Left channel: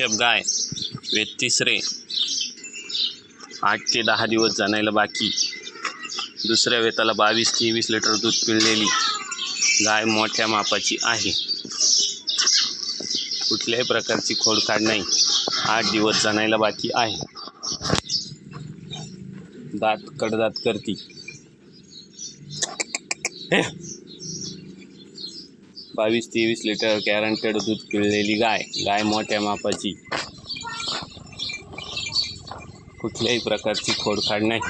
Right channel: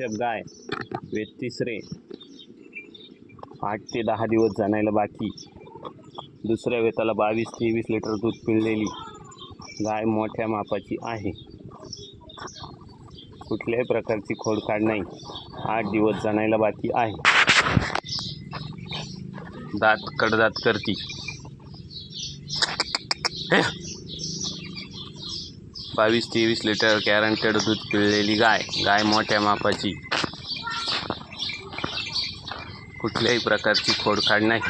H गाय वेद तिसरे आठ ते दहा दिवस जाणायला बाकी. दुसऱ्या वेताला बावीस तेवीस लिटर दूध पिळलेली गाय मोठ्या मापाची आहे. कुठल्याही प्रकारची खोडकाड नाही. आठ दिवस जाणायला बाकी आहे. दात कडदात करती. बावीस तेवीस लिटर गॅरंटेड दूध पिळलेली गाय गाय मोठ्या मापाची. कुठल्याही प्रकारची खोडखाड नाही.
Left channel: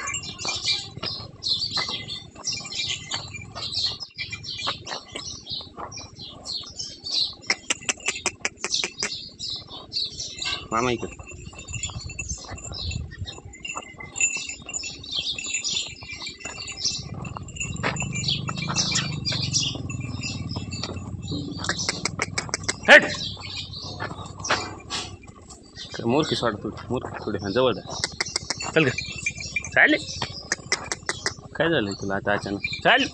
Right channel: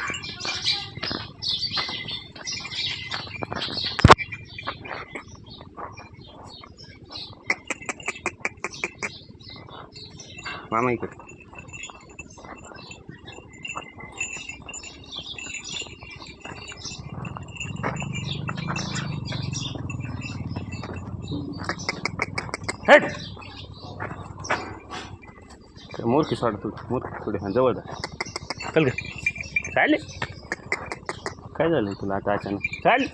मामा इकडे. हेट मूर्खी सोड तू मूर्ख थोडी हां जवळ जा. चल ग. चालेल काय झालं तुला आता अचानक? चाल.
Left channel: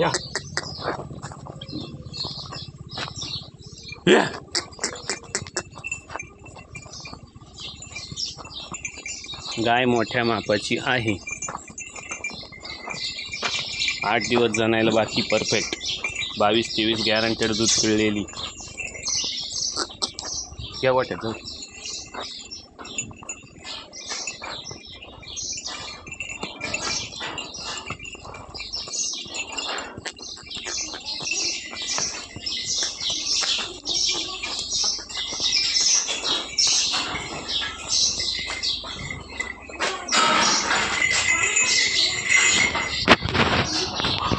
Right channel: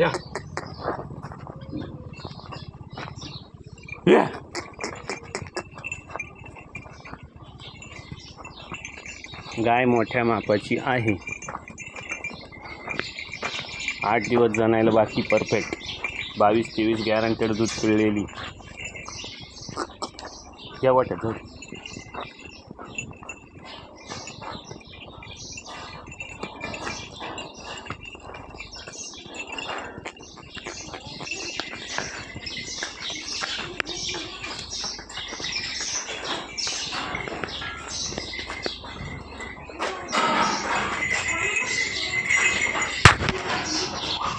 या. या. गाय मोठ्या मापाची आहे. आठ दिवस जणायला बाकी परफेक्ट बावीस तेवीस गॅरंटेड दूध पिळलेली. घ्या वाटत जाऊ